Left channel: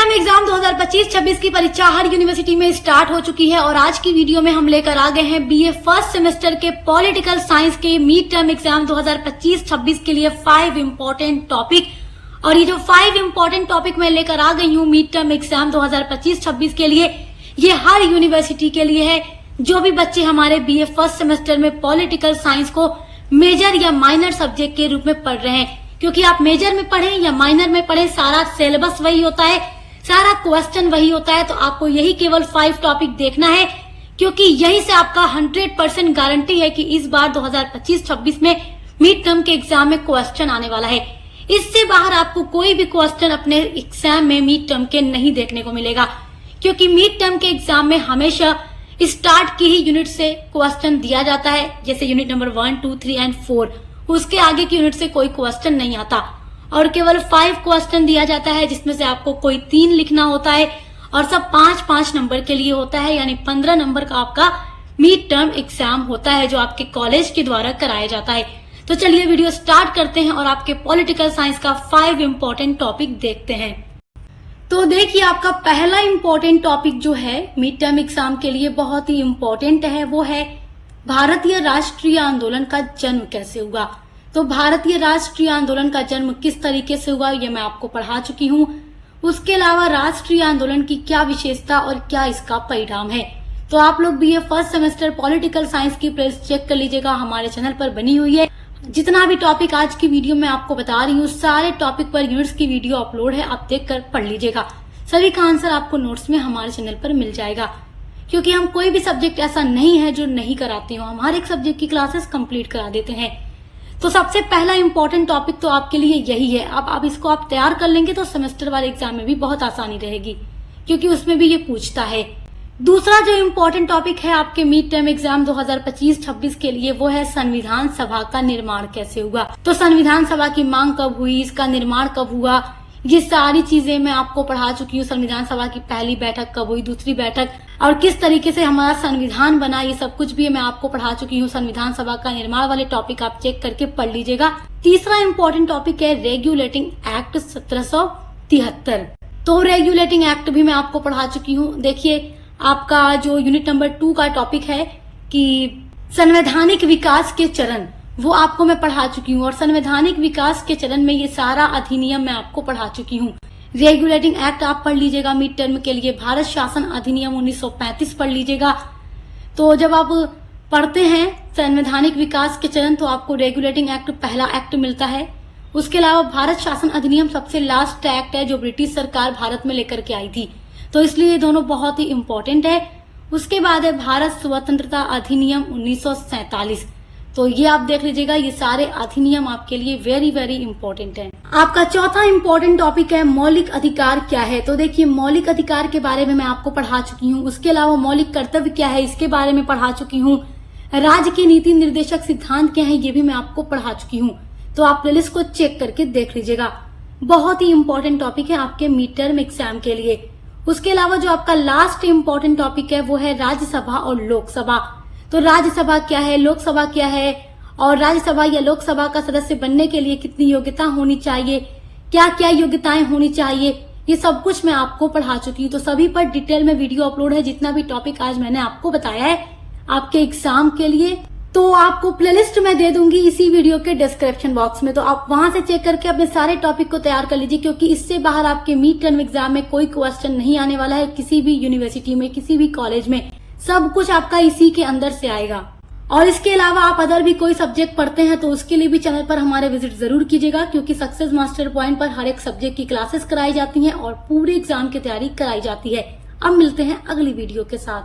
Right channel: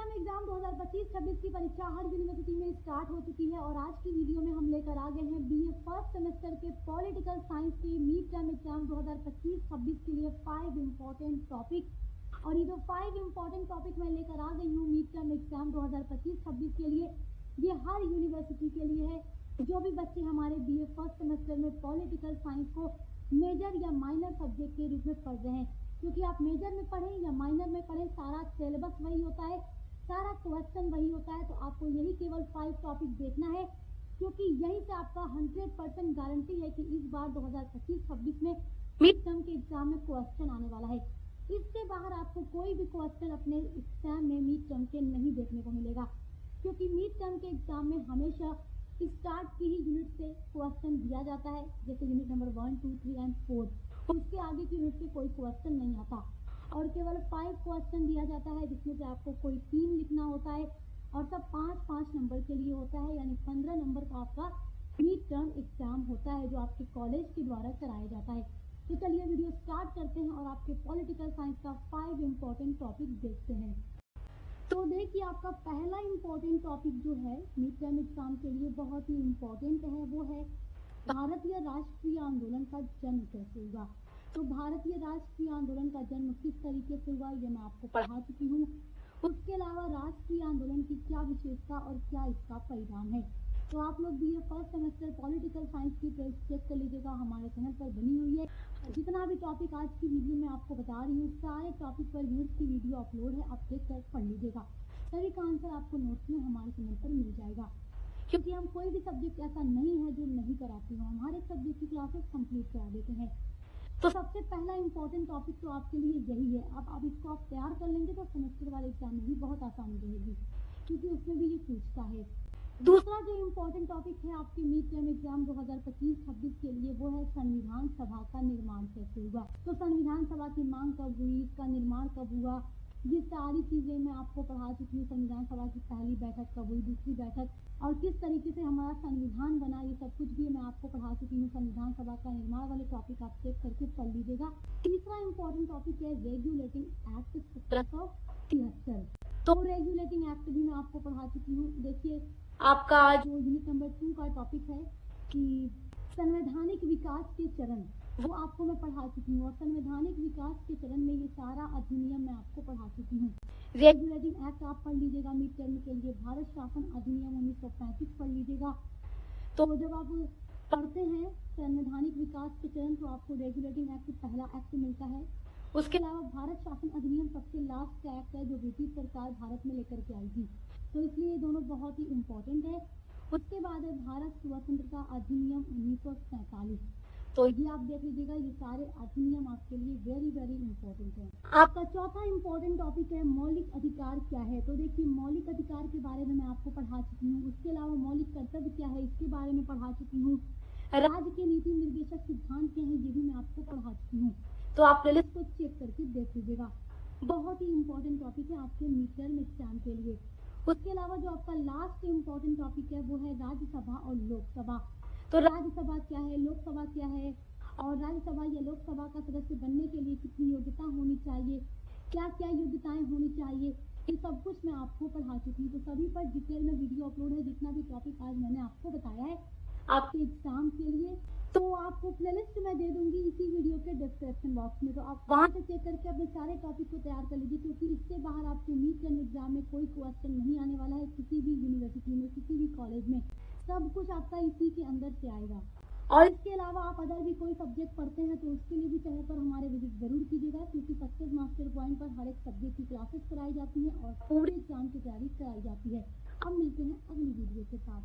Term exam 2025-26 की परीक्षा हर university में स्टार्ट हो चुकी है और आज की वीडियो में हम लेकर आ गए हैं बीए फर्स्ट सेमेस्टर के पॉलिटिकल साइंस के मिड टर्म एग्जाम 2025-26 के लिए 5 इम्पोर्टेंट टॉपिक। और ये जो 5 इम्पोर्टेंट टॉपिक मैं लेकर आ गई हूँ मिड टर्म एग्जाम 2025-26 के लिए, ये हर यूनिवर्सिटी के लिए है। जो भी बच्चे हमारे बीए फर्स्ट सेमेस्टर में पॉलिटिकल साइंस को मेजर या माइनर सब्जेक्ट के रूप में पढ़ रहे हैं, क्योंकि आप मेजर में पढ़ें या माइनर में पढ़ें, सारा सिलेबस वही होता है, सारा क्वेश्चन वही होता है। तो आपको यही केवल 5 टॉपिक देखना है, क्योंकि यही से आपका 100% गारंटी है कि इस बार 2025-26 में मिड टर्म के एग्जाम में क्वेश्चन आने वाला है। इससे बाहर आपको कोई भी क्वेश्चन अपने एग्जाम में मिड टर्म के नहीं देखने को मिलेगा, क्योंकि मिड टर्म के एग्जाम में हमेशा स्टार्ट की ही यूनिट से क्वेश्चन दिया जाता है, जैसे यूनिट नंबर 1, 2, 3 एंड 4। उसके आगे की यूनिट से कोई क्वेश्चन नहीं आता और केवल 5 क्वेश्चन दिया जाता है, जिसमें से आपको कोई 3 लिखना होता है और सब 5-5 नंबर के लिए होता है, यानी 15 नंबर का आपका मिड टर्म एग्जाम होता है जो आपके कॉलेज के द्वारा कराया जाता है। तो चलिए वीडियो स्टार्ट करते हैं और आपके पॉलिटिकल साइंस का 5 इम्पोर्टेंट टॉपिक देखते हैं। तो देखिए, आपका पहला इम्पोर्टेंट टॉपिक जो है मिड टर्म एग्जाम के लिए बहुत ही इम्पोर्टेंट है, वो है भारतीय राष्ट्रीय आंदोलन का जन्म कैसे हुआ। तो भारतीय राष्ट्रीय आंदोलन का जन्म किस तरीके से हुआ ये मैं आपको पढ़ा चुकी हूँ। उसके अलावा राष्ट्रीय आंदोलन की क्या विशेषता और क्या इसका परिणाम है। तो आप लोग BA first semester political science की प्लेलिस्ट चेक कर लीजिएगा, हमारे चैनल पर बनी हुई है। जितना भी टॉपिक आज की वीडियो में आपको बता रही हूँ, सारे टॉपिक पर यूनिट्स की वीडियो अपलोड है, आप देख कर पढ़ लीजिएगा। सभी का आंसर आपको नोट्स में हमारे चैनल पर मिल जाएगा, क्योंकि हम कोई भी सब्जेक्ट ऐसा नहीं है जो नहीं कराते हो, हम हर एक सब्जेक्ट की क्लासेस कंप्लीट करा देते हैं। तो सबसे पहला इंपॉर्टेंट टॉपिक तो आपके लिए यही है। अब आप इसको आप तैयार कर लेंगे तो सेमेस्टर वाले एग्जाम में भी बहुत आसानी रहेगी, क्योंकि उसमें भी ये पूछता है। दूसरा जो इम्पोर्टेंट टॉपिक है आपके मिड टर्म एग्जाम 2025-26 के लिए, वो है संविधान सभा का निर्माण कैसे हुआ। तो संविधान सभा की मांग कब हुई, इसका निर्माण कब हुआ, ये सारी चीजें मैं आपको पढ़ा चुकी हूँ। संविधान सभा की पहली बैठक कब हुई, दूसरी बैठक, और किस तरीके से हमारा संविधान बना, ये सब कुछ भी मैं आपको पढ़ा चुकी हूँ। संविधान सभा का निर्माण वाले टॉपिक आप चेक करके पढ़ लीजिएगा। तीसरा इम्पोर्टेंट टॉपिक है रेगुलेटिंग एक्ट 1773। तो रेगुलेटिंग एक्ट भी मैं आपको पढ़ा चुकी हूँ। देखिए, आपका जो यूनिट नंबर 2 का टॉपिक है कि संवैधानिक विकास के चरण, वो आपको मैं पढ़ा चुकी हूँ। और संवैधानिक विकास के चरण में ये सारा अधिनियम मैं आपको पढ़ा चुकी हूँ। रेगुलेटिंग एक्ट आप पढ़ लीजिएगा मिड टर्म के लिए। भारत शासन अधिनियम 1935 पढ़ लीजिएगा। तो जब आप पढ़ते हैं संवैधानिक विकास के चरण, तो आपको रेगुलेटिंग एक्ट पहला एक्ट मिलता है। उसके अलावा भारत शासन अधिनियम सबसे लास्ट एक्ट है जो ब्रिटिश सरकार भारत में लेकर के आई थी, तो इसलिए ये दोनों बहुत ही इम्पोर्टेंट है। उसके बाद है भारत स्वतंत्रता अधिनियम 1947। तो ये आप देख लीजिएगा, ये सारे अधिनियम आपके लिए वेरी वेरी इंपॉर्टेंट है। आपका चौथा इंपॉर्टेंट टॉपिक है मौलिक अधिकार क्या है। तो देखिए, मौलिक अधिकार के बारे में मैं आपको पढ़ा चुकी हूँ। उसके अलावा मौलिक कर्तव्य क्या है, इसके बारे में पढ़ा चुकी हूँ। राज्य के नीति निर्देशक सिद्धांत क्या है, ये भी मैं आपको पढ़ा चुकी हूँ। तो आप प्लेलिस्ट को चेक करके देख लीजिएगा। बहुत ही इंपॉर्टेंट टॉपिक है आपके मिड टर्म एग्जाम के लिए। उसके अलावा जो आपका लास्ट इंपॉर्टेंट टॉपिक है वो है राज्यसभा और लोकसभा। तो राज्यसभा क्या है, लोकसभा क्या है, और राज्यसभा या लोकसभा का सदस्य बनने के लिए कितनी योग्यता होनी चाहिए, क्या क्या योग्यताएं होनी चाहिए, ये सब कुछ मैं आपको पढ़ा चुकी हूँ। तो सभी पर डिटेल में वीडियो अपलोड है। जितना भी टॉपिक आज मैंने आपको बताया है आपके एग्जाम के लिए, तो आपको प्लेलिस्ट में दे दूंगी इसी वीडियो के डिस्क्रिप्शन बॉक्स में। तो आप वहां से चेक करके अपने सारे टॉपिक को तैयार कर लीजिए, क्योंकि इससे बाहर आपके मिड टर्म एग्जाम में कोई क्वेश्चन नहीं आने वाला है। किसी भी यूनिवर्सिटी में, किसी भी कॉलेज में, सब कुछ आपका इसी के अंदर से आएगा। और इसके अलावा आप अदर भी कोई सब्जेक्ट पढ़ते हैं तो उसके लिए भी चैनल पर हमारे विजिट जरूर कीजिएगा, क्योंकि सक्सेस मास्टर पॉइंट पर हर एक सब्जेक्ट की क्लासेस कराई जाती हैं और पूरे एग्जाम की तैयारी कराई जाती है। अब मिलते हैं अगली वीडियो के साथ।